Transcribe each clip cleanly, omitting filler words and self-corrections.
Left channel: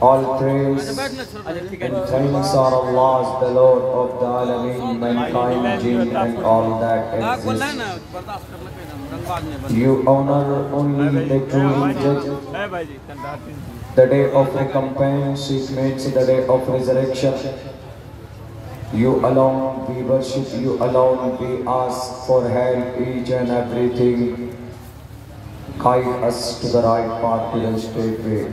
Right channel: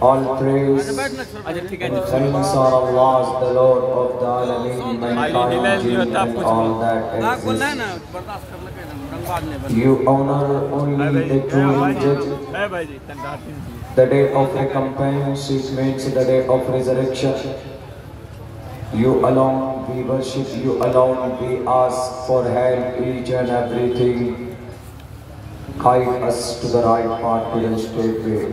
All praise and thanks are Allah's, the Lord of the Alameen, mankind, jinn and all that exists. You honor only the true judge. The day of recompense, it means the day of resurrection. You alone we worship, you alone we ask for help, each and everything. Guide us to the right path, to the straight way.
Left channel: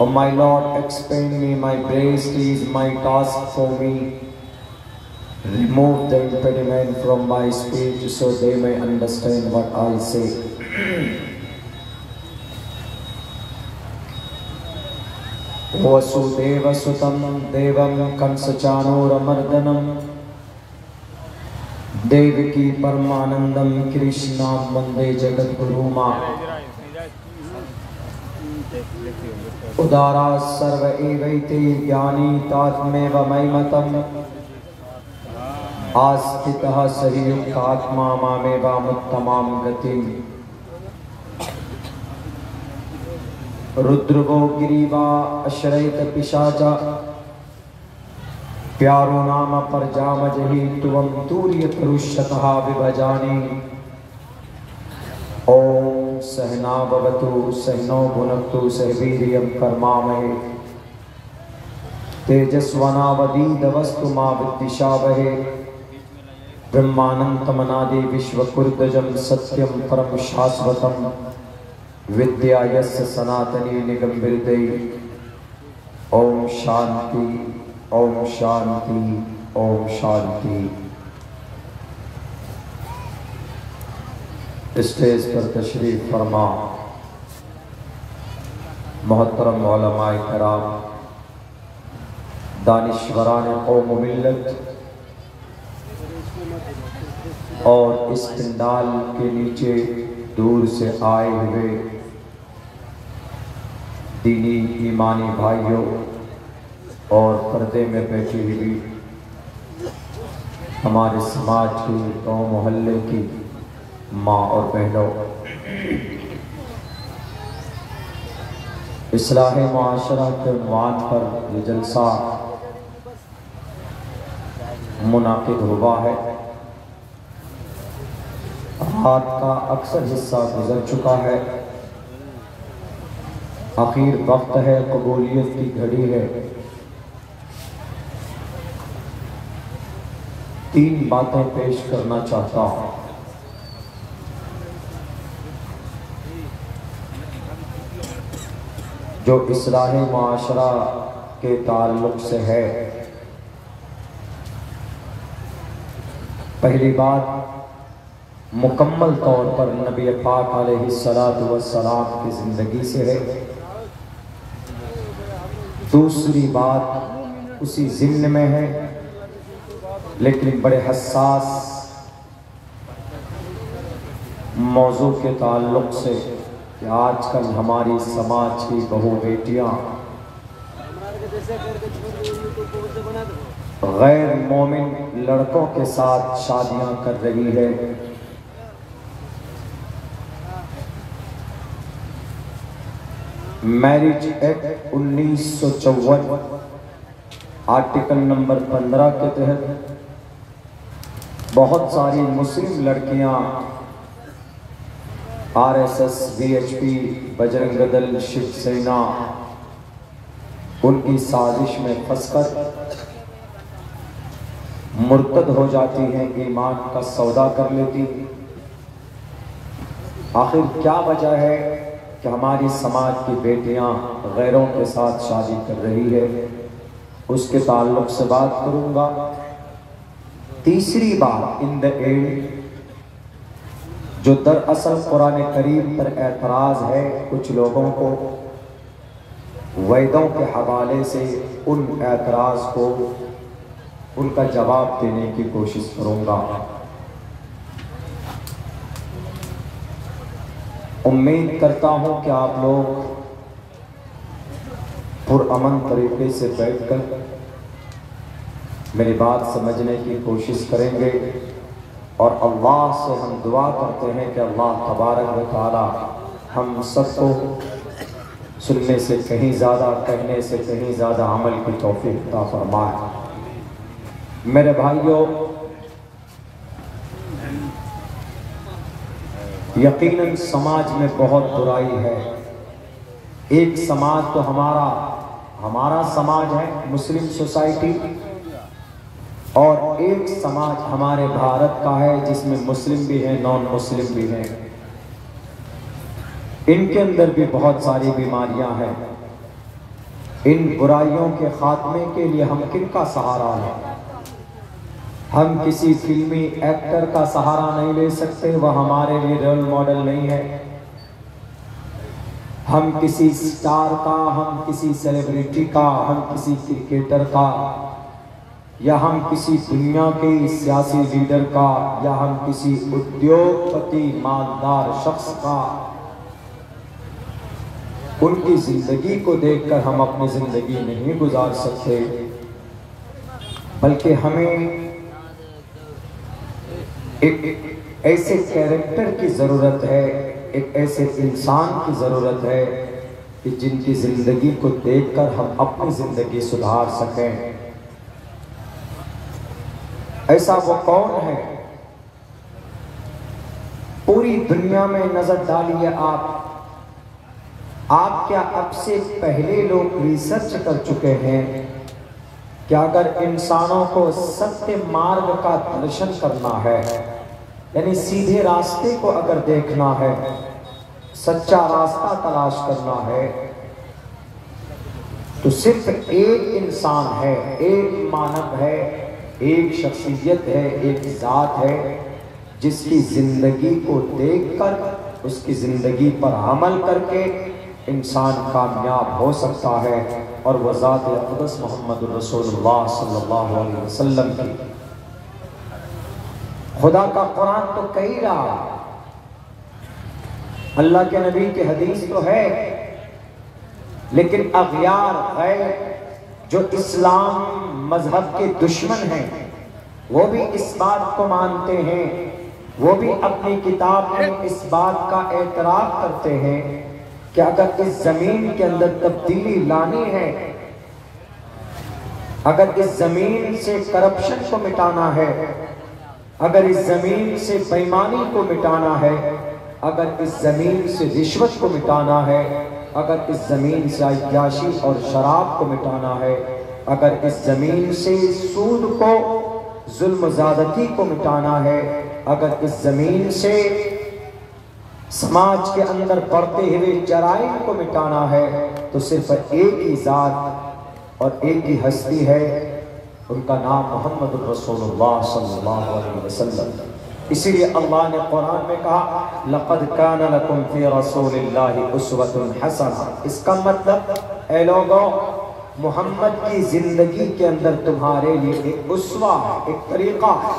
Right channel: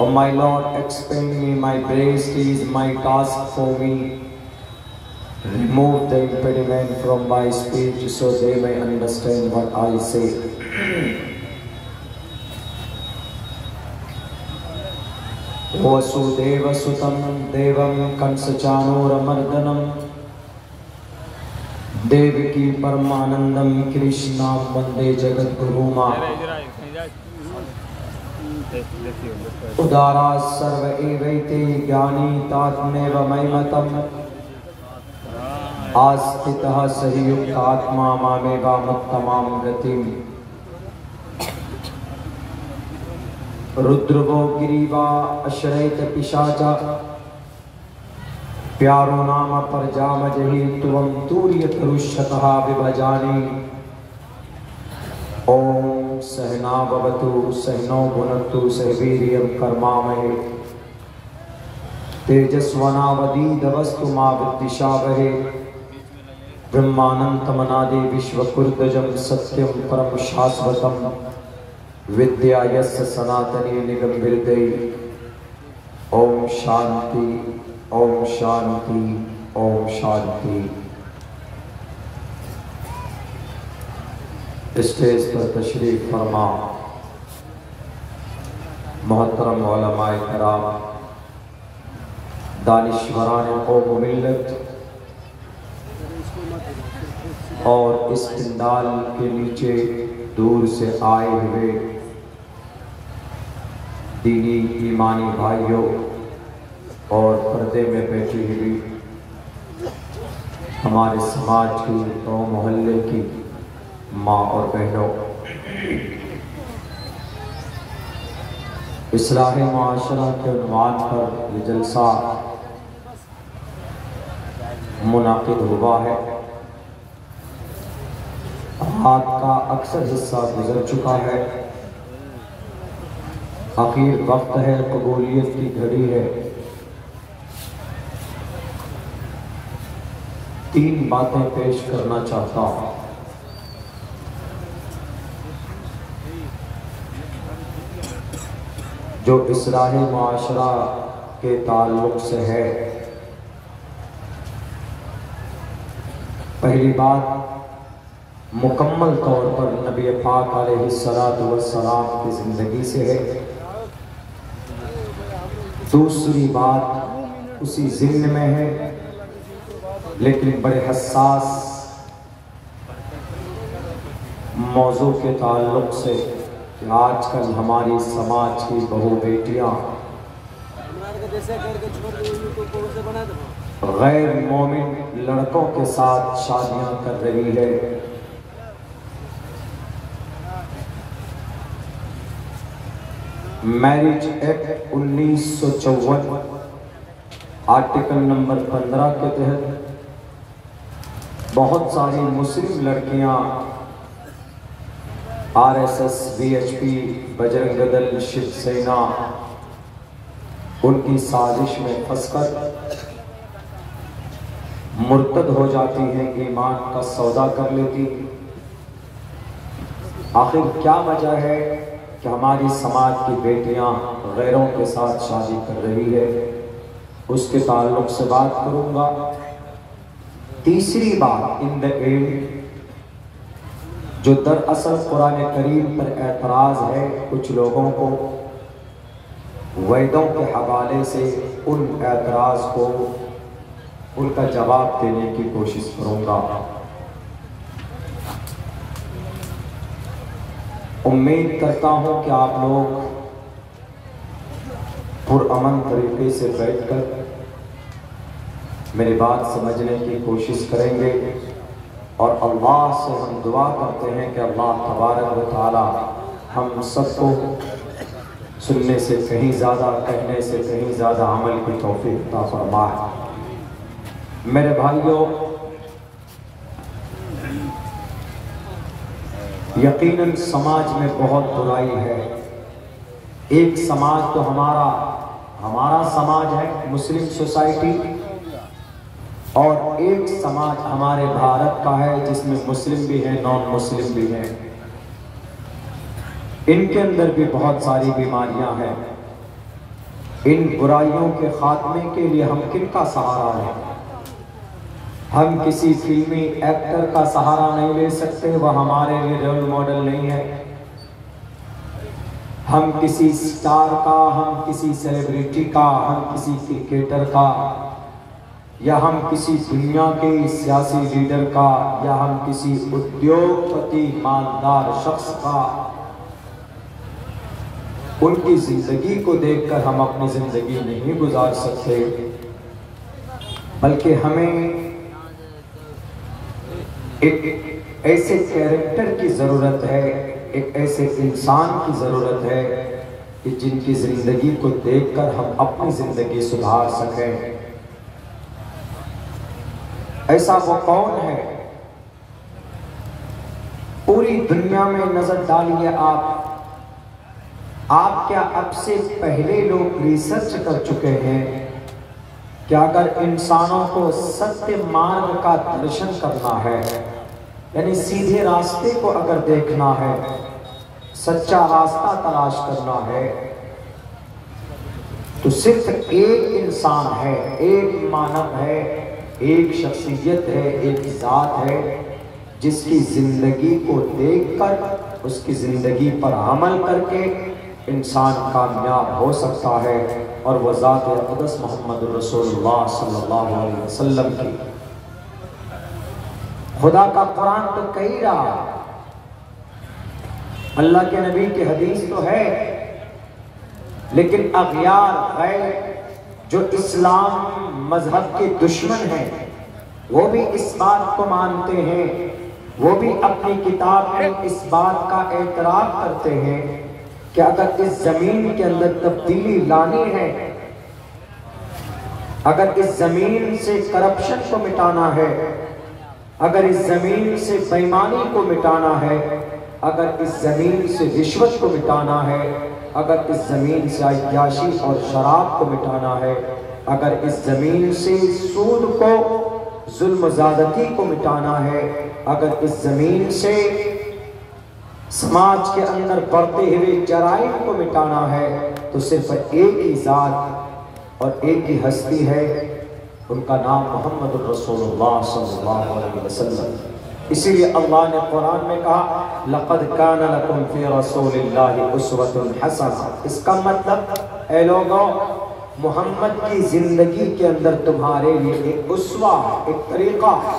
Oh my Lord, expand me, my grace is my task for me. Remove the impediment from my speech so they may understand what I say. Vasudev सुतं देवं कंसचाणूरमर्दनं देवकी परमानंदं कृष्णां वंदे जगद्गुरुमा उदारा सर्व एवैते ज्ञानी तात्मेव मयिमतम् आस्थितः सहियुक्तात्मा मामेवामुत्तमां गतिम् रुद्रवो गिरीवा अश्रयत पिशाचा प्यारो नाम पर जामजहि तुवं तूर्यत रुष्यतः विभजानि ओम सहना भवतु सहनो भुनक्तु सहवीर्यं कर्मामहे तेजस्वनावधीतमस्तु मा विद्विषावहे ब्रह्मानन्दमनादि विश्वकुर्दजं सत्यं परं शाश्वतं विद्या यस्य सनातनी निगम्बिरते ओम शांति ओम शांति ओम शांति। स्टेज पर तशरीफ फरमा मोहतरम उलमाए किराम, दानिश्वरान कौम मिल्लत और इस पंडाल के नीचे दूर से आए हुए दीनी ईमानी भाइयों और पर्दे में बैठी हुई हमारे समाज की और मोहल्ले की माँ और बहनों, इस्लाह माशरा के उन्वान पर ये जलसा मुनाकिद हुआ है। रात का अक्सर हिस्सा गुजर चुका है, आखिर वक्त है, कबूलियत की घड़ी है। तीन बातें पेश करना चाहता हूं। जो इस्लाह माशरा के ताल्लुक से है। पहली बात मुकम्मल तौर पर नबी पाक अलैहिस्सलातु वस्सलाम की जिंदगी से है। दूसरी बात उसी ज़िम्न में है, लेकिन बड़े हसास मौजू के ताल्लुक से कि आजकल हमारी समाज की बहू बेटियां गैर मोमिन लड़कों के साथ शादियां कर रही है। मैरिज एक्ट 1954 आर्टिकल नंबर 15 के तहत बहुत सारी मुस्लिम लड़कियां आरएसएस, वीएचपी, बजरंग दल, शिवसेना उनकी साजिश में फंसकर मुर्तद हो जाती हैं, ईमान का सौदा कर लेती। आखिर क्या वजह है कि हमारी समाज की बेटियां गैरों के साथ शादी कर रही है, उसके ताल्लुक से बात करूंगा। तीसरी बात, इन द एंड, जो दरअसल कुरान करीम पर एतराज है कुछ लोगों को, वेदों के हवाले से उन एतराज को, उनका जवाब देने की कोशिश करूंगा। उम्मीद करता हूं कि आप लोग पुरअमन तरीके से बैठकर मेरी बात समझने की कोशिश करेंगे और अल्लाह से हम दुआ करते हैं कि अल्लाह तबारक व तआला हम सबको सुनने से कहीं ज़्यादा, कहने से कहीं ज़्यादा अमल की तौफीक अता फरमाए। मेरे भाइयों, यकीनन समाज में बहुत बुराई है। एक समाज तो हमारा समाज है, मुस्लिम सोसाइटी, और एक समाज हमारे भारत का है जिसमें मुस्लिम भी हैं, नॉन मुस्लिम भी हैं। इनके अंदर भी बहुत सारी बीमारियां हैं। इन बुराइयों के खात्मे के लिए हम किनका सहारा लें? हम किसी फिल्मी एक्टर का सहारा नहीं ले सकते, वह हमारे लिए रोल मॉडल नहीं है। हम किसी स्टार का, हम किसी सेलिब्रिटी का, हम किसी क्रिकेटर का, या हम किसी दुनिया के सियासी लीडर का, या हम किसी उद्योगपति मालदार शख्स का, उनकी जिंदगी को देखकर हम अपनी जिंदगी नहीं गुजार सकते, बल्कि हमें एक ऐसे कैरेक्टर की जरूरत है, एक ऐसे इंसान की जरूरत है कि जिनकी जिंदगी को देखकर हम अपनी जिंदगी सुधार सकें। ऐसा वो कौन है? पूरी दुनिया में नजर डालिए आप क्या अब से पहले लोग रिसर्च कर चुके हैं कि अगर इंसानों को सत्य मार्ग का दर्शन करना है, यानी सीधे रास्ते को अगर देखना है, सच्चा रास्ता तलाश करना है, तो सिर्फ एक इंसान है, एक मानव है, एक शख्सियत है, एक जात है, जिसकी जिंदगी को देखकर उसकी जिंदगी पर अमल करके इंसान कामयाब हो सकता है, और वह ज़ात अक़दस मोहम्मद रसूलुल्लाह सल्लल्लाहु अलैहि वसल्लम की। खुदा का कुरान तो कही रहा, अल्लाह के नबी की हदीस तो है, लेकिन अग़यार गैर जो इस्लाम मजहब के दुश्मन हैं, वो भी इस बात को मानते हैं, वो भी अपनी किताब में इस बात का एतराफ़ करते हैं कि अगर इस जमीन के अंदर तब्दीली लानी है, अगर इस जमीन से करप्शन को मिटाना है, अगर इस जमीन से बेईमानी को मिटाना है, अगर इस जमीन से रिश्वत को मिटाना है, अगर इस जमीन से अय्याशी और शराब को मिटाना है, अगर इस जमीन से सूद को, जुल्म ज़्यादती को मिटाना है, अगर इस जमीन से समाज के अंदर बढ़ते हुए जराइम को मिटाना है, तो सिर्फ एक ही जात और एक ही हस्ती है, उनका नाम मोहम्मद रसूलुल्लाह सल्लल्लाहु अलैहि वसल्लम। इसीलिए अल्लाह ने कुरान में कहा, लक़द कान लकुम फ़ी रसूलिल्लाहि उस्वतुन हसना। इसका मतलब, ऐ लोगों, मोहम्मद की जिंदगी के अंदर तुम्हारे लिए एक उस्वा, एक तरीका है।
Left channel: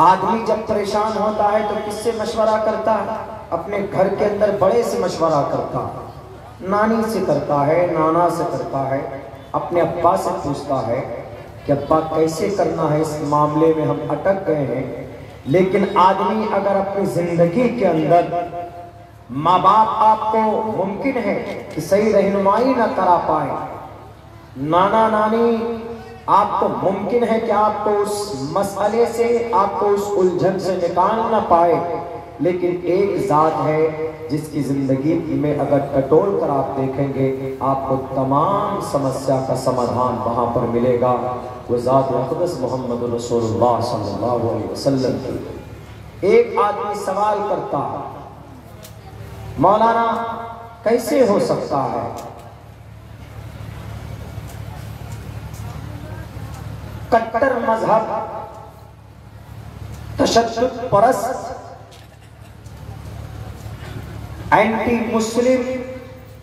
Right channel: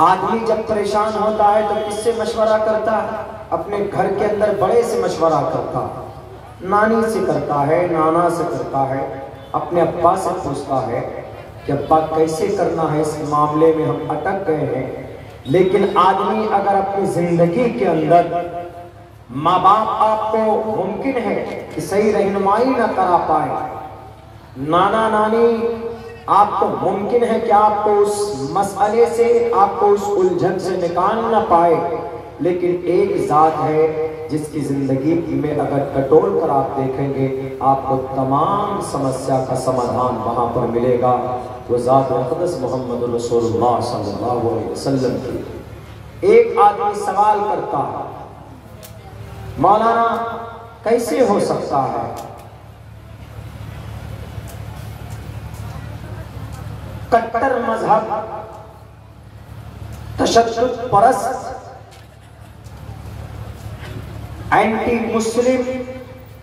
आदमी जब परेशान होता है तो किससे मशवरा करता है? अपने घर के अंदर बड़े से मशवरा करता है, नानी से करता है, नाना से करता है, अपने अब्बा से पूछता है कि अब्बा कैसे करना है, इस मामले में हम अटक गए हैं। लेकिन आदमी अगर अपनी जिंदगी के अंदर माँ बाप आपको मुमकिन है कि सही रहनुमाई न करा पाए, नाना नानी आपको मुमकिन है कि आपको उस मसले से, आपको उस उलझन से निकाल न पाए, लेकिन एक जात है जिसकी जिंदगी में अगर टटोल कर आप देखेंगे आपको तमाम समस्या का समाधान वहां पर मिलेगा। वो जात मुक़द्दस मोहम्मद रसूलुल्लाह सल्लल्लाहु अलैहि वसल्लम की। एक आदमी सवाल करता है, मौलाना कैसे हो सकता है कट्टर मजहब, तशद्दुद परस्त, anti Muslim,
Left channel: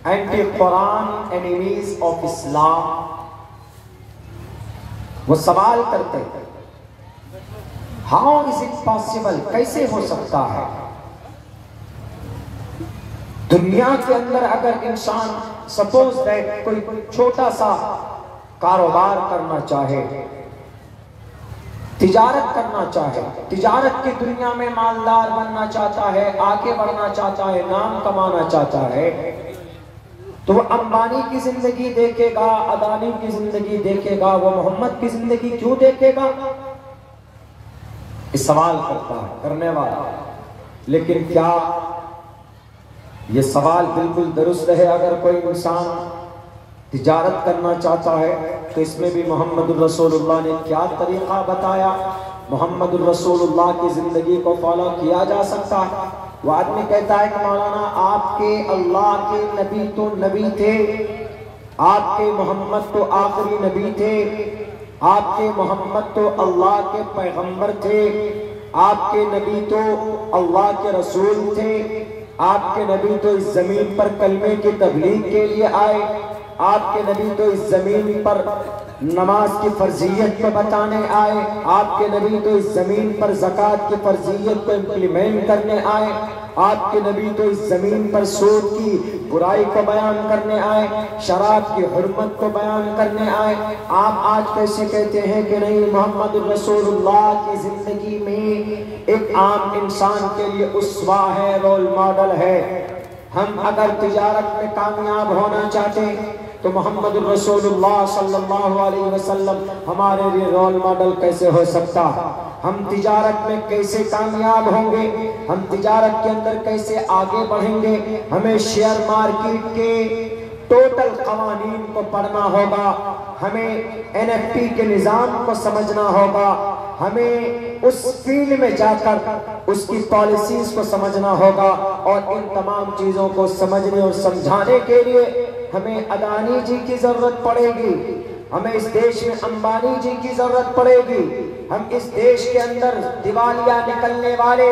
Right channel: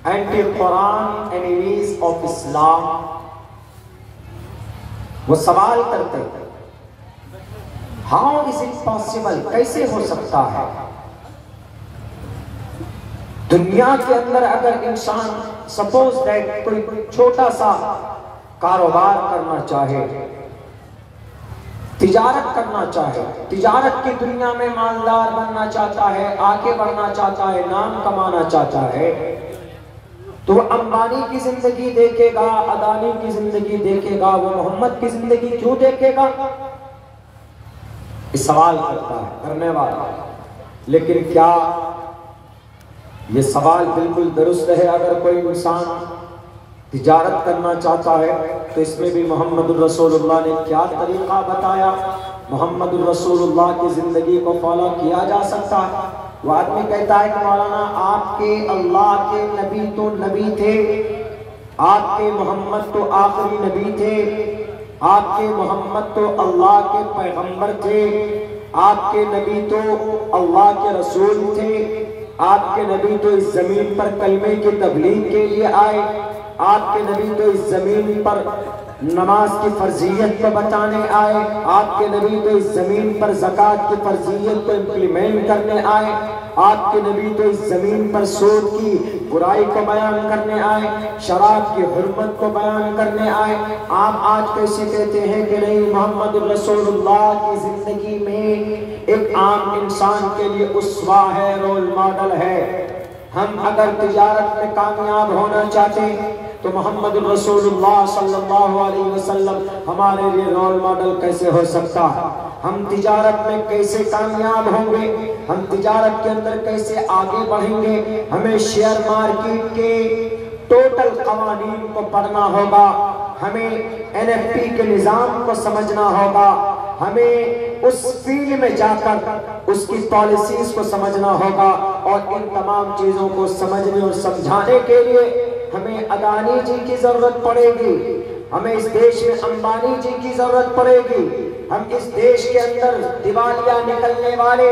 anti Quran, enemies of Islam, वो सवाल करते हैं हाउ इज इट पॉसिबल, कैसे हो सकता है दुनिया के अंदर अगर इंसान सपोज दैट कोई छोटा सा कारोबार करना चाहे, तिजारत करना चाहे, तिजारत की दुनिया में मालदार बनना चाहता है, आगे बढ़ना चाहता है, नाम कमाना चाहता है, तो वो अंबानी की जिंदगी देखेगा, अदानी की जिंदगी देखेगा, वो मोहम्मद की जिंदगी क्यों देखेगा? इस सवाल करता है करने वाला। लेकिन क्या ये सवाल बिल्कुल दुरुस्त है? अगर कोई इंसान तिजारत करना चाहता है तो इसमें भी मोहम्मद रसूलुल्लाह ने क्या तरीका बताया, मोहम्मद रसूलुल्लाह की जिंदगी को फॉलो किया जा सकता है। वो आदमी कहता है कि मौलाना आपके अल्लाह के नबी तो नबी थे, आपके मोहम्मद तो आखिरी नबी थे, आपके मोहम्मद तो अल्लाह के पैगंबर थे, आपके नबी तो अल्लाह के रसूल थे, आपके नबी तो इस जमीन पर कलमे की तबलीग के लिए आए, आपके नबी तो इस जमीन पर नमाज की फर्जियत को बताने आए, आपके नबी तो इस जमीन पर ज़कात की फर्जियत को इम्प्लीमेंट करने आए, आपके नबी तो इस जमीन पर सूद की बुराई को बयान करने आए, शराब की हुर्मत को बयान करने आए। आप आज कैसे कहते हैं कि नहीं, मोहम्मद रसूलुल्लाह की जिंदगी में एक आम इंसान के लिए उस्वा है, रोल मॉडल है। हम अगर तिजारत में कामयाब होना चाहते हैं तो मोहम्मद रसूलुल्लाह सल्लल्लाहु अलैहि वसल्लम हमारे लिए रोल मॉडल कैसे हो सकता है? हम तिजारत में कैसे कामयाब होंगे? हम तिजारत के अंदर कैसे आगे बढ़ेंगे? हमें शेयर मार्केट के टोटल कवानीन को पढ़ना होगा, हमें एनएफटी के निजाम को समझना होगा, हमें उस फील्ड में जाकर उसकी पॉलिसीज को समझना होगा, और इन तमाम चीजों को समझने और समझाने के लिए हमें अदानी जी की जरूरत पड़ेगी, हमें इस देश में अंबानी जी की जरूरत पड़ेगी, हम इस देश के अंदर दिवालिया निकलने वाले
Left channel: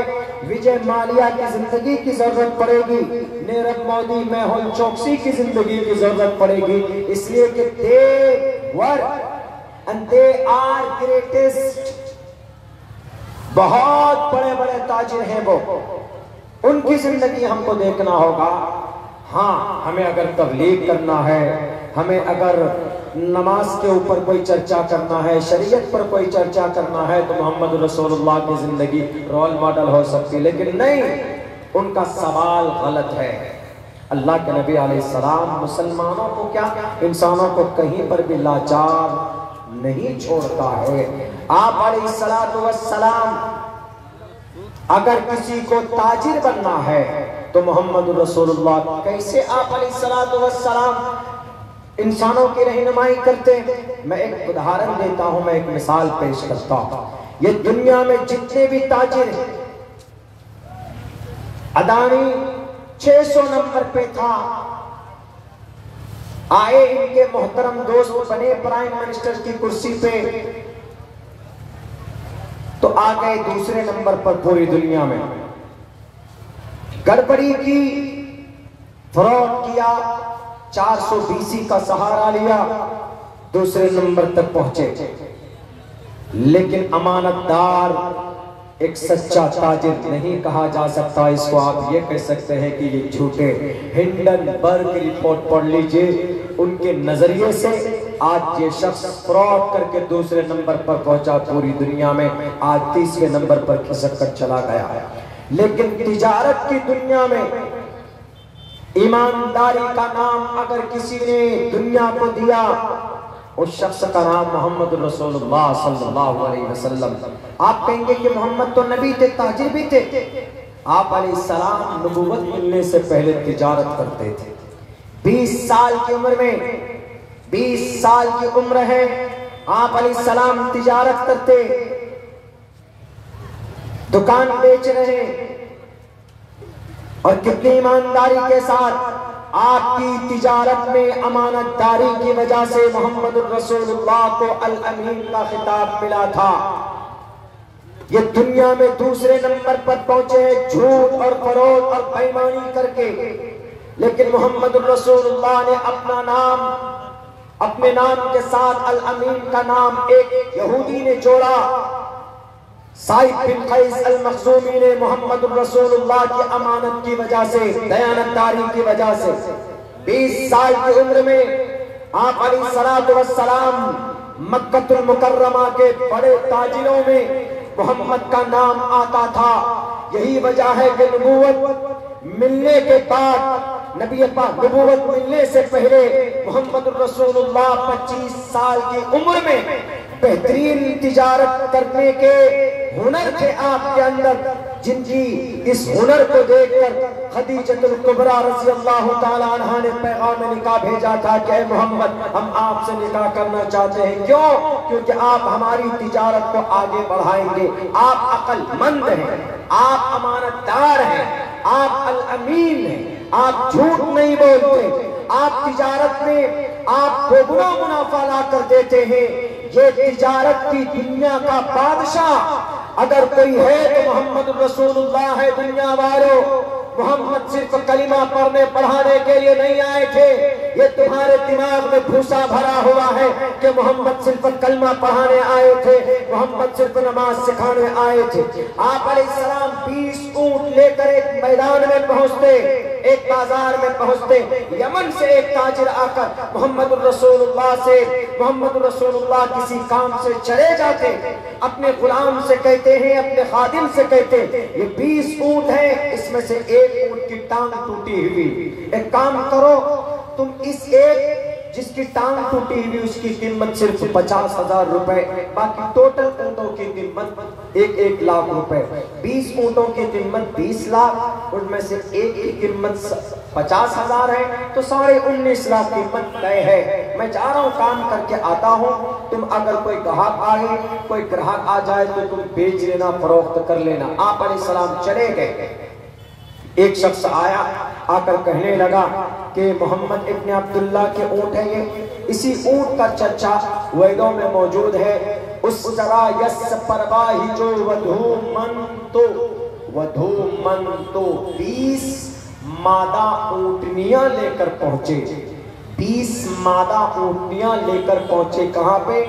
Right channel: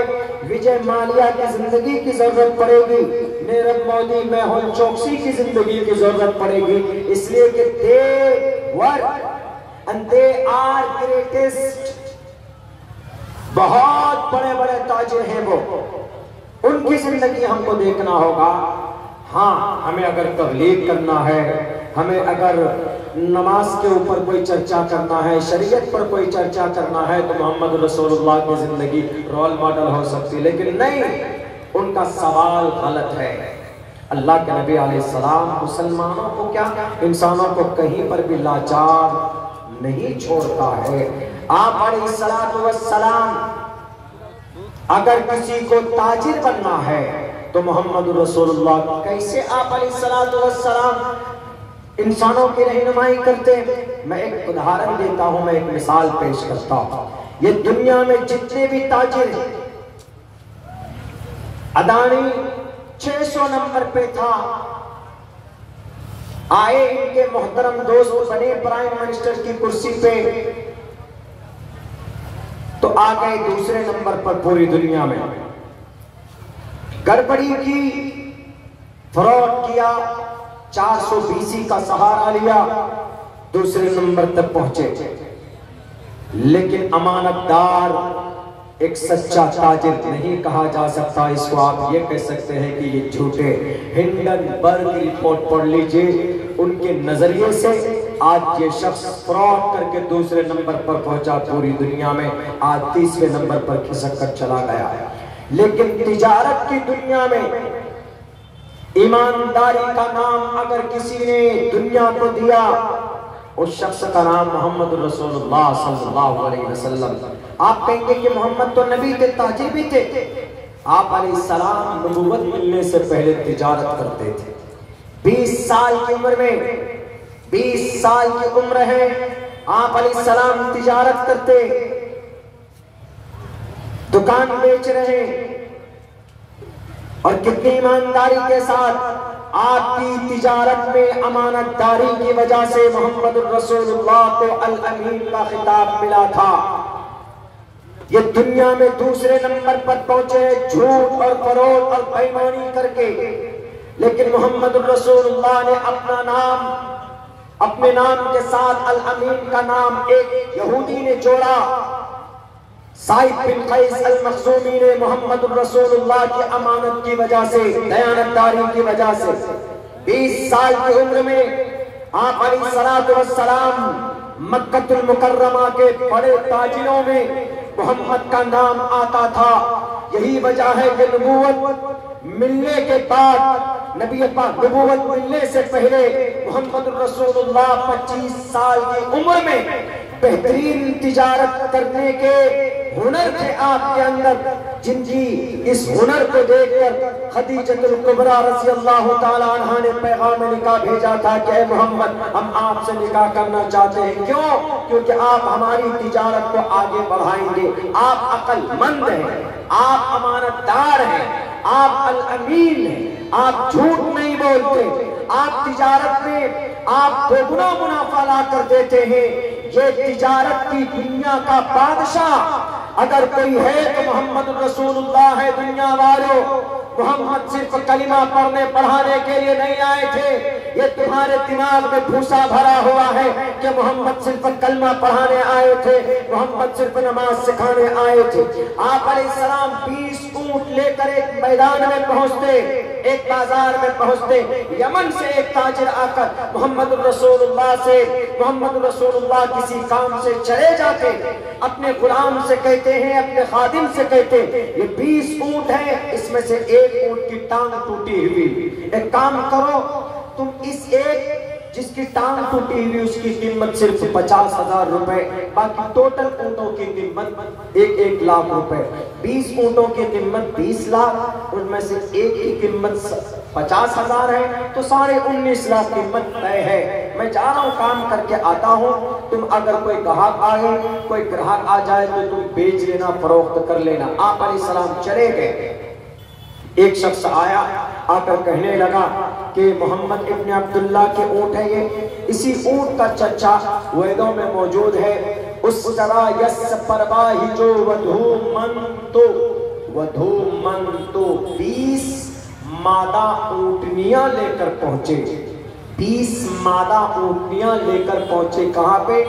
विजय माल्या की जिंदगी की जरूरत पड़ेगी, नीरव मोदी, मेहुल चोकसी की जिंदगी की जरूरत पड़ेगी। इसलिए कि they work and they are greatest, बहुत बड़े बड़े ताजिर हैं वो, उनकी जिंदगी हमको देखना होगा। हाँ, हमें अगर तबलीग करना है, हमें अगर नमाज के ऊपर कोई चर्चा करना है, शरीयत पर कोई चर्चा करना है, तो मोहम्मद रसूलुल्लाह की जिंदगी रोल मॉडल हो सकती है। लेकिन नहीं, उनका सवाल गलत है। अल्लाह के नबी अलैहिस्सलाम मुसलमानों को क्या, इंसानों को कहीं पर भी लाचार नहीं छोड़ता है। आप अलैहिस्सलाम अगर किसी को ताजिर बनना है तो मोहम्मद रसूलुल्लाह कैसे आप अलैहिस्सलाम इंसानों की रहनुमाई करते हैं। मैं एक उदाहरण देता हूं, मैं एक मिसाल पेश करता हूं। ये दुनिया में जितने भी ताजिर हैं, अदानी 600 नंबर पे था, आए इनके मोहतरम दोस्त बने प्राइम मिनिस्टर की कुर्सी पे, तो आ गए दूसरे नंबर पर पूरी दुनिया में, गड़बड़ी की, फ्रॉड किया, 420 का सहारा लिया, दूसरे नंबर तक पहुंचे। लेकिन अमानतदार एक सच्चा ताजिर नहीं कहा जा सकता, इसको आप ये कह सकते हैं कि ये झूठे। हिंडनबर्ग रिपोर्ट पढ़ लीजिए, उनके नजरिए से आज ये शख्स फ्रॉड करके दूसरे नंबर पर पहुंचा पूरी दुनिया में, आज तीसरे नंबर पर खिसक कर चला गया है। लेकिन तिजारत की दुनिया में ईमानदारी का नाम अगर किसी ने दुनिया को दिया, उस शख्स का नाम मोहम्मद रसूलुल्लाह सल्लल्लाहु अलैहि वसल्लम। आप कहेंगे कि मोहम्मद तो नबी थे, ताजिर भी थे। आप अलैहिस्सलाम नबूवत मिलने से पहले तिजारत करते थे। 20 साल की उम्र में, 20 साल की उम्र है, आप अलैहिस्सलाम तिजारत करते, दुकान बेच रहे हैं, और कितनी ईमानदारी के साथ आपकी तिजारत में अमानतदारी की वजह से मोहम्मद रसूलुल्लाह को अल अमीन का खिताब मिला था। ये दुनिया में दूसरे नंबर पर पहुंचे झूठ और फरोग और बेईमानी करके, लेकिन मोहम्मद रसूलुल्लाह ने अपना नाम, अपने नाम के साथ अल अमीन का नाम एक यहूदी ने जोड़ा। साइद बिन कैस अल मखजूमी ने मोहम्मद रसूलुल्लाह की अमानत की वजह से, दयानतदारी की वजह से 20 साल की उम्र में आप अलैहिस्सलातु वस्सलाम मक्कतुल मुकर्रमा के बड़े ताजिरों में मोहम्मद का नाम आता था। यही वजह है कि नबूवत मिलने के बाद, नबी पाक नबूवत मिलने से पहले मोहम्मद रसूलुल्लाह 25 साल की उम्र में बेहतरीन तिजारत करने के हुनर थे आपके अंदर, जिनकी इस हुनर को देखकर खदीजतुल कुबरा रज़ियल्लाहु ताला अन्हा ने पैगाम निकाह भेजा था कि ऐ मोहम्मद, हम आपसे निकाह करना चाहते हैं। क्यों? क्योंकि आप हमारी तिजारत को आगे बढ़ाएंगे। आप अक्लमंद हैं, आप अमानतदार हैं, आप अल अमीन हैं, आप झूठ नहीं बोलते, आप तिजारत में आप दोगुना मुनाफा ला कर देते हैं। ये तिजारत की दुनिया का बादशाह अगर कोई है तो मोहम्मद रसूलुल्लाह है। दुनिया वालों, मोहम्मद सिर्फ कलिमा पढ़ने पढ़ाने के लिए नहीं आए थे। ये तुम्हारे दिमाग में भूसा भरा हुआ है कि मोहम्मद सिर्फ कलमा पढ़ाने आए थे, मोहम्मद सिर्फ नमाज सिखाने आए थे। आप अलैहिस्सलाम 20 ऊंट लेकर एक मैदान में पहुंचते, एक बाजार में पहुंचते। यमन से एक ताजिर आकर मोहम्मद रसूलुल्लाह से, मोहम्मद रसूलुल्लाह किसी काम से चले जाते, अपने गुलाम से कहते हैं, अपने खादिम से कहते हैं, ये 20 ऊंट हैं, इसमें से एक ऊंट की टांग टूटी हुई, एक काम करो तुम इस एक जिसकी टांग टूटी हुई उसकी कीमत सिर्फ 50,000 रुपए, बाकी टोटल ऊंटों की कीमत 1-1 लाख रुपए। 20 ऊंटों की कीमत 20 लाख, उनमें से एक की कीमत 50,000 है, तो 19.5 लाख कीमत तय है। मैं जा रहा हूँ, काम करके आता हूँ, तुम अगर कोई ग्राहक आए, कोई ग्राहक आ जाए तो तुम बेच लेना, फरोख्त कर लेना। आप अलैहिस्सलाम चले गए। एक शख्स आया, आकर कहने लगा कि मोहम्मद इब्न अब्दुल्लाह के ऊंट है ये, इसी ऊंट का चर्चा वेदों में मौजूद है। उस तरह यस परवाही जो वधू मन तो 20 मादा ऊंटनियां लेकर पहुंचे। 20 मादा ऊंटनियां लेकर पहुंचे। कहां पे?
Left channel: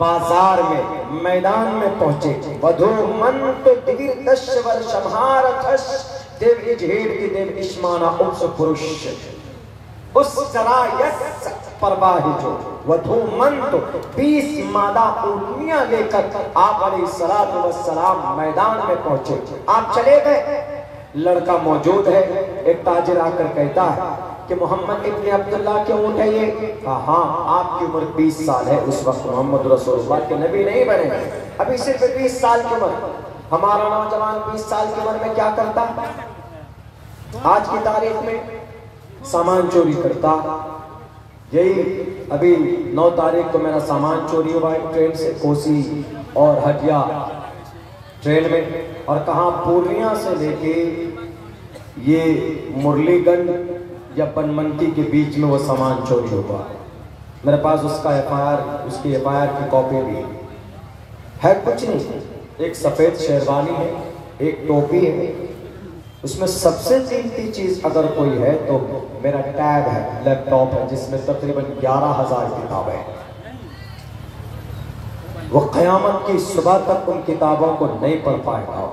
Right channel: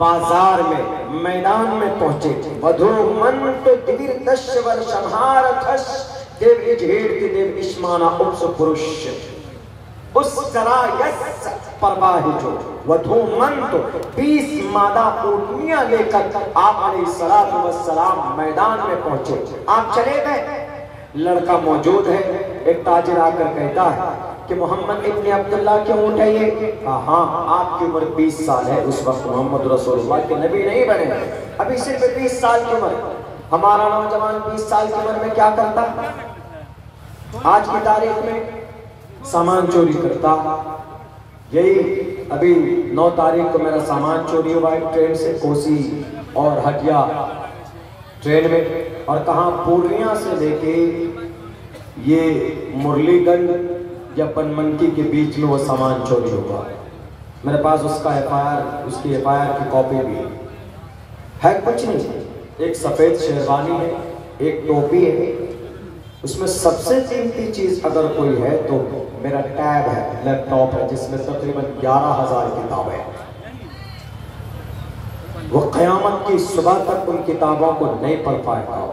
बाजार में, मैदान में पहुंचे। वधू मन तो दिवीर 10 वर्ष देव इजहेर की देव इस्माना उपस पुरुष। उस तरह यस परवाही जो वधू मन तो 20 मादा ऊंटनियां लेकर आप अलैहिस्सलातु वस्सलाम मैदान में पहुंचे। आप चले गए, लड़का मौजूद है। एक ताजिर आकर कहता है कि मोहम्मद इब्न अब्दुल्लाह के ऊंट है ये। हाँ, आपकी उम्र 20 साल है। उस वक्त मोहम्मद रसूलुल्लाह के नबी नहीं बने, अभी सिर्फ 20 साल की उम्र। हमारा नौजवान 20 साल की उम्र में क्या करता? आज की तारीख में सामान चोरी करता। यही अभी 9 तारीख को मेरा सामान चोरी हुआ है ट्रेन से, कोसी और हटिया ट्रेन में। और कहाँ? पूर्णिया से लेके ये मुरलीगंज या बनमनकी के बीच में वो सामान चोरी हुआ। मेरे पास उसका उसकी FIR की कॉपी भी है। कुछ नहीं, एक सफेद शेरवानी है, एक टोपी है, उसमें सबसे कीमती चीज अगर कोई है तो मेरा टैब है, लैपटॉप है, जिसमें तकरीबन 11,000 किताबें हैं। वो क़यामत की सुबह तक उन किताबों को नहीं पढ़ पाएगा।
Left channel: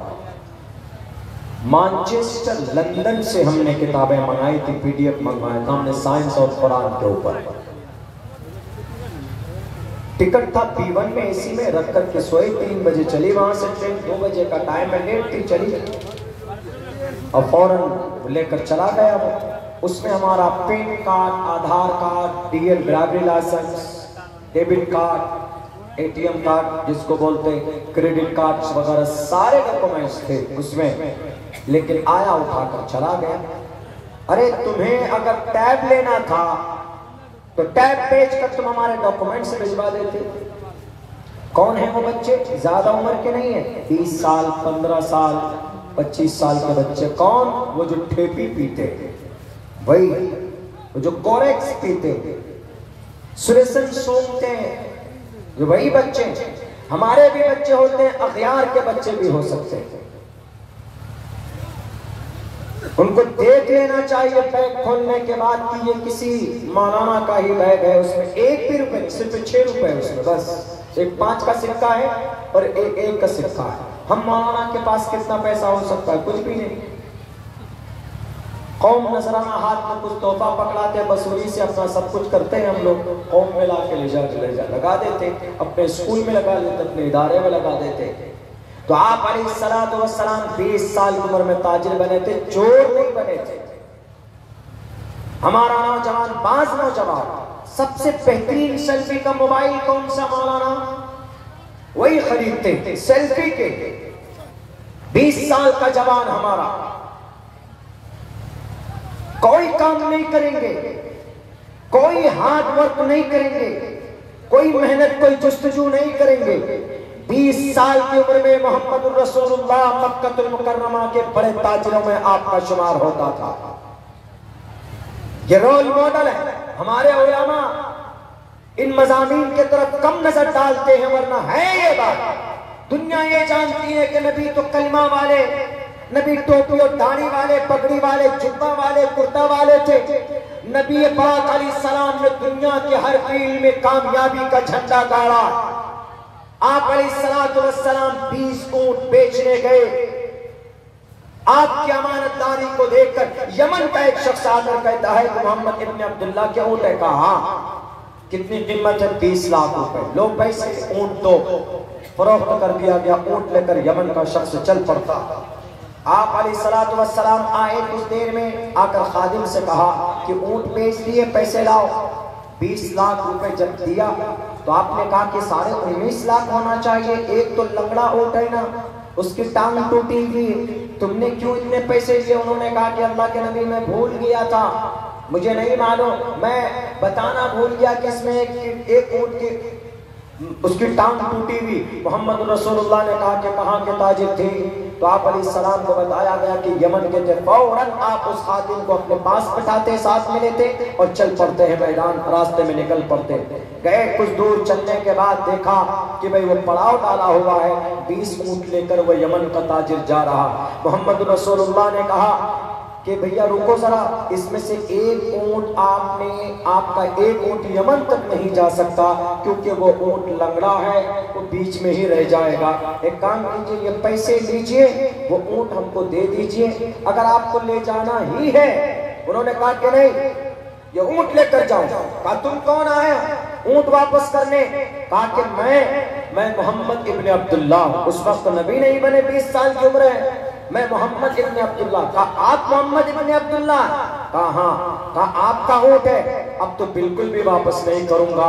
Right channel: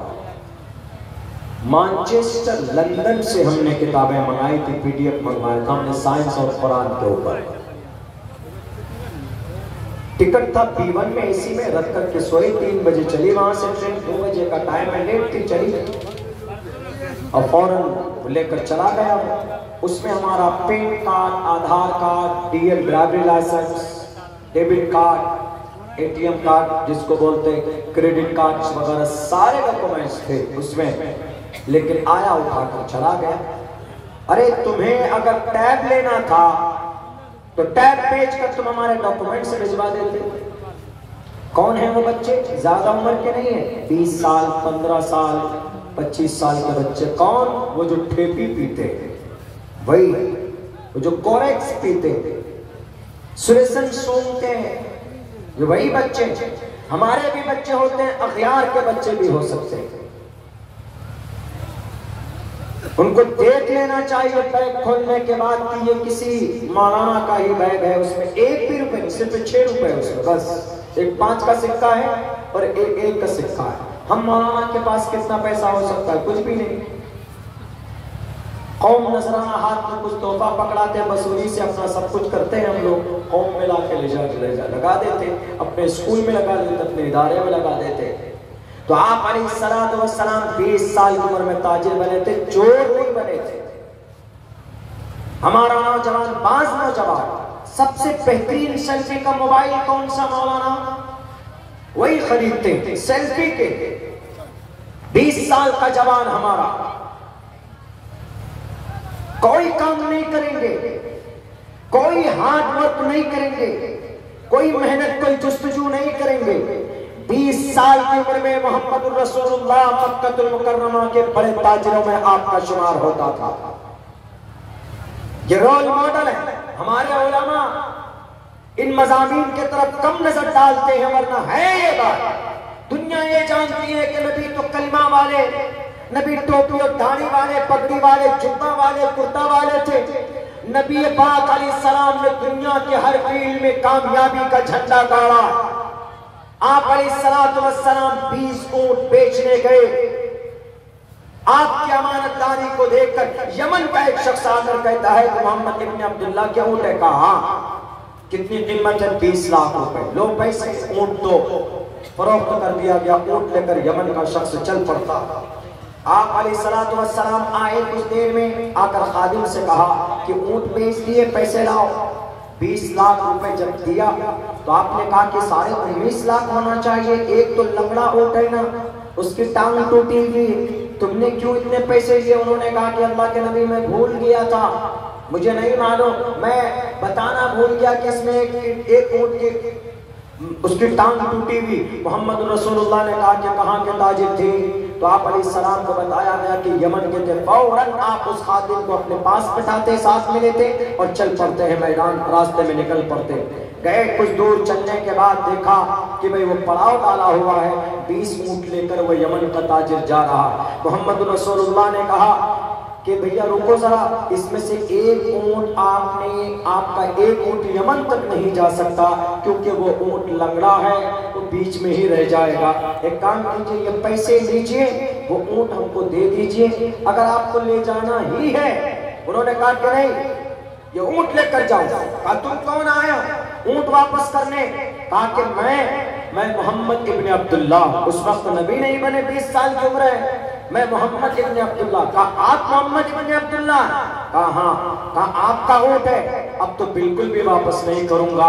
मैनचेस्टर, लंदन से हमने किताबें मंगाई थी, PDF मंगवाया था हमने साइंस और कुरान के ऊपर। टिकट था B1 में, AC में रख करके सोए। 3 बजे चली वहां से ट्रेन, 2 बजे का टाइम है, लेट थी, चली। और फौरन लेकर चला गया वो। उसमें हमारा PAN card, Aadhaar card, DL driving licence, debit card, ATM card जिसको बोलते हैं, क्रेडिट कार्ड वगैरह सारे डॉक्यूमेंट्स थे उसमें, लेकिन आया उठाकर चला गया। अरे तुम्हें अगर टैब लेना था तो टैब बेच कर तुम हमारे डॉक्यूमेंट्स भिजवा देते। कौन है वो बच्चे? ज्यादा उम्र के नहीं है, 20 साल, 15 साल, 25 साल के बच्चे। कौन? वो जो ठेपी पीते, वही वो जो कोरेक्स पीते, सुरेशन सूंघते हैं, जो वही बच्चे। हमारे भी बच्चे होते हैं, अखियार के बच्चे भी हो सकते हैं। उनको देख लेना चाहिए बैग खोलने के बाद कि ये किसी मौलाना का ही बैग है, उसमें एक भी रुपए, सिर्फ 6 रुपए उसमें, बस एक 5 का सिक्का है और एक 1 का सिक्का है। हम मौलाना के पास कितना पैसा हो सकता है? कुछ भी नहीं। कौम नजराना हाथ में कुछ तोहफा पकड़ाते हैं, वसूली से अपना सब कुछ करते हैं हम लोग। कौम में लाके ले जा लगा देते, अपने स्कूल में लगा देते, अपने इदारे में लगा देते। तो आप अलैहिस्सलातु वस्सलाम 20 साल की उम्र में ताजिर बने थे, चोर नहीं बने थे। हमारा नौजवान, बाज नौजवान, सबसे बेहतरीन सेल्फी का मोबाइल कौन सा मौलाना? वही खरीदते थे सेल्फी के। 20 साल का जवान हमारा कोई काम नहीं करेंगे, कोई हार्ड वर्क नहीं करेंगे, कोई मेहनत, कोई जुस्तजू नहीं करेंगे। 20 साल की उम्र में मोहम्मद रसूलुल्लाह मक्कतुल मुकर्रमा के बड़े ताजिरों में आपका शुमार होता था। ये रोल मॉडल है। हमारे उलमा इन मज़ामीन के तरफ कम नजर डालते हैं, वरना है ये बात। दुनिया ये जानती है कि नबी तो कलमा वाले, नबी टोपी और दाढ़ी वाले, पगड़ी वाले, जुब्बा वाले, कुर्ता वाले थे। नबी पाक अलैहिस्सलाम ने दुनिया के हर फील्ड में कामयाबी का झंडा गाड़ा। आप अलैहिस्सलातु वस्सलाम 20 ऊंट बेचने गए। आपकी अमानतदारी को देखकर यमन का एक शख्स आकर कहता है कि मोहम्मद इब्न अब्दुल्लाह क्या ऊंट है? कहा कितनी कीमत है? 30 लाख रुपए। लो पैसे, ऊंट दो। फरोख्त कर दिया गया। ऊंट लेकर यमन का शख्स चल पड़ता। आप अलैहिस्सलातु वस्सलाम आए, कुछ देर में आकर खादिम से कहा कि ऊंट बेच दिए, पैसे लाओ। 20 लाख रुपए जब दिया तो आपने कहा कि 19.5 लाख होना चाहिए। एक तो लंगड़ा ऊंट है ना, उसकी टांग टूटी हुई, तुमने क्यों इतने पैसे लिए? उन्होंने कहा कि अल्लाह के नबी मैं भूल गया था, मुझे नहीं मालूम, मैं बताना भूल गया कि इसमें एक ऊंट की उसकी टांग टूटी हुई। मोहम्मद रसूलुल्लाह ने कहा कि कहाँ के ताजिर थे? तो आप अलैहिस्सलाम को बताया गया कि यमन के थे। फौरन आप उस खादिम को अपने पास बिठाते, साथ में लेते और चल पड़ते हैं मैदान, रास्ते में निकल पड़ते। गए, कुछ दूर चलने के बाद देखा कि भाई वो पड़ाव डाला हुआ है, 20 ऊंट लेकर वो यमन का ताजिर जा रहा। मोहम्मद रसूलुल्लाह ने कहा कि भैया रुको जरा, इसमें से एक ऊंट आपका एक ऊंट यमन तक नहीं जा सकता, क्योंकि वो ऊंट लंगड़ा है, वो बीच में ही रह जाएगा। एक काम कीजिए, ये पैसे लीजिए, वो ऊंट हमको दे दीजिए, अगर आपको ले जाना ही है। उन्होंने कहा कि नहीं, ये ऊंट लेकर जाओ। कहा तुम कौन आया ऊंट वापस करने? कहा कि मैं मोहम्मद इब्न अब्दुल्लाह। उस वक्त नबी नहीं बने, 20 साल की उम्र है। मैं मोहम्मद इब्न अब्दुल्लाह। कहा आप मोहम्मद इब्न अब्दुल्लाह? कहा हाँ। कहा आपका ऊंट है? अब तो बिल्कुल भी वापस नहीं करूंगा।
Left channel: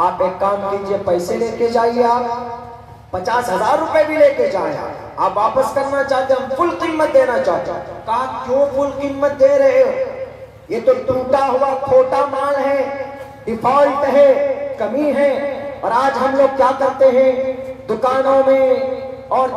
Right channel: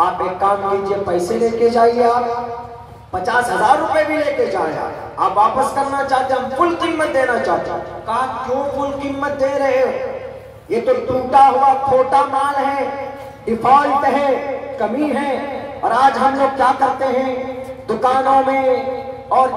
आप एक काम कीजिए, पैसे लेके जाइए, आप 50,000 रुपए भी लेके जाए। आप वापस करना चाहते, हम फुल कीमत देना चाहते हैं। कहा क्यों फुल कीमत दे रहे हो? ये तो टूटा हुआ खोटा माल है, डिफॉल्ट है, कमी है। और आज हम लोग क्या करते हैं, दुकानों में और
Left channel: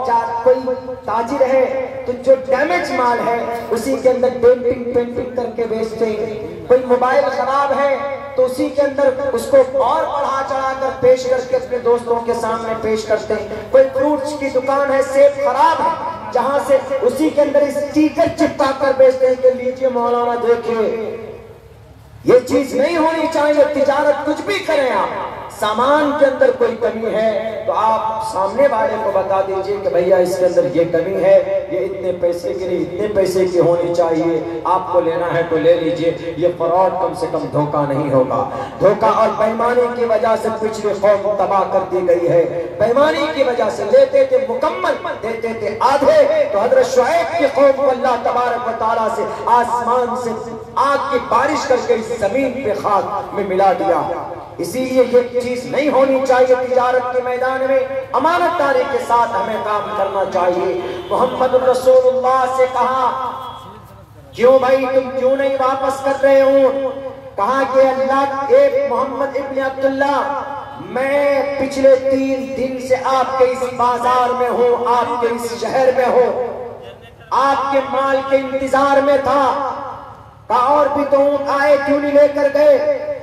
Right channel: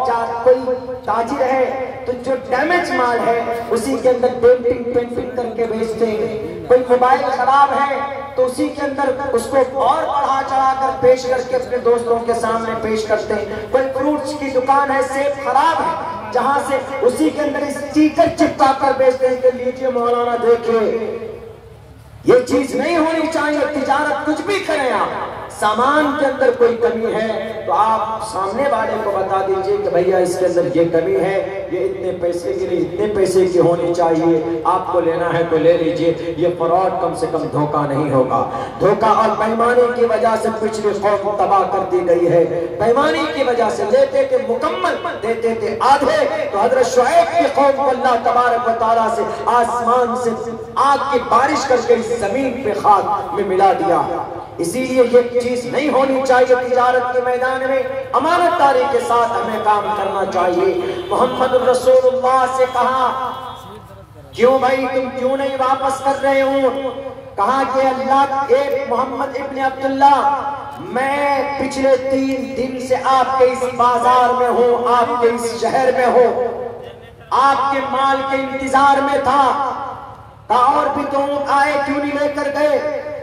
कोई ताजिर है तो जो डैमेज माल है उसी के अंदर पेंटिंग करके बेचते हैं। कोई मोबाइल खराब है तो उसी के अंदर उसको और बढ़ा चढ़ा कर पेश करके अपने दोस्तों के सामने पेश करते हैं। कोई फ्रूट्स की दुकान है, सेब खराब है, जहां से उसी के अंदर स्टिकर चिपका कर बेचते हैं कि लीजिए मौलाना देखिए। ये चीज नहीं होनी चाहिए। तिजारत कुछ भी करें आप, सामान के अंदर कोई कमी है तो आप सामने वाले को बता दीजिए कि भैया इसके अंदर ये कमी है, ये इतने पैसे की नहीं इतने पैसे की होनी चाहिए, आपको लेना है तो ले लीजिए। ये फ्रॉड कम से कम धोखा नहीं होगा। धोखा और बेईमानी की वजह से पिछली कौम तबाह कर दी गई है। बेईमानी की वजह से लेते थे मुकम्मल, देते थे आधे। तो हजरत शुएब की कौम को अल्लाह तबारक व तआला से आसमान से आग की बारिश करके इस जमीन पे खाक में मिला दिया। इसीलिए ये चीज नहीं होनी चाहिए। तिजारत के मैदान में अमानतदारी के साथ हमें काम करना चाहिए। मोहम्मद रसूलुल्लाह से कहा, क्यों भाई तुम क्यों नहीं वापस कर रहे हो? कहा कि अल्लाह एक मोहम्मद इब्न अब्दुल्ला, मैं पिछले 3 दिन से आपके इस बाजार में हूँ, आपके इस शहर में हो, आपके माल के इंतजार में था। कहा और भी तो आए क्यों नहीं लेकर गए?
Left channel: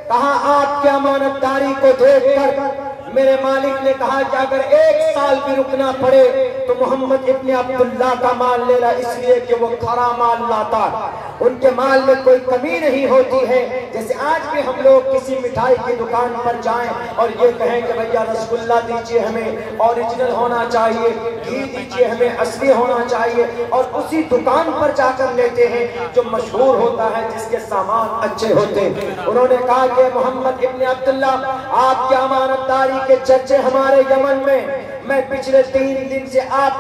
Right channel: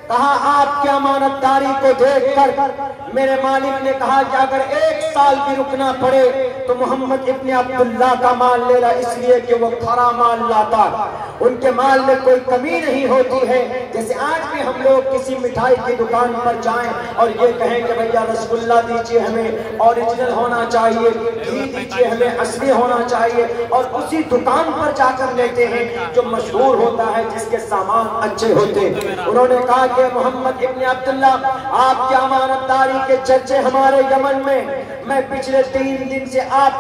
कहा आपकी अमानतदारी को देखकर मेरे मालिक ने कहा कि अगर 1 साल भी रुकना पड़े तो मोहम्मद इब्न अब्दुल्ला का माल लेना, इसलिए कि वो खरा माल लाता, उनके माल में कोई कमी नहीं होती है। जैसे आज भी हम लोग किसी मिठाई की दुकान पर जाएं और ये कहें कि भैया रसगुल्ला दीजिए, हमें ओरिजिनल होना चाहिए, घी दीजिए, हमें असली होना चाहिए, और उसी दुकान पर जाकर लेते हैं जो मशहूर होता है, जिसके सामान अच्छे होते हैं। उन्होंने कहा कि मोहम्मद इब्न अब्दुल्ला, आपकी अमानतदारी के चर्चे हमारे यमन में, मैं पिछले 3 दिन से आप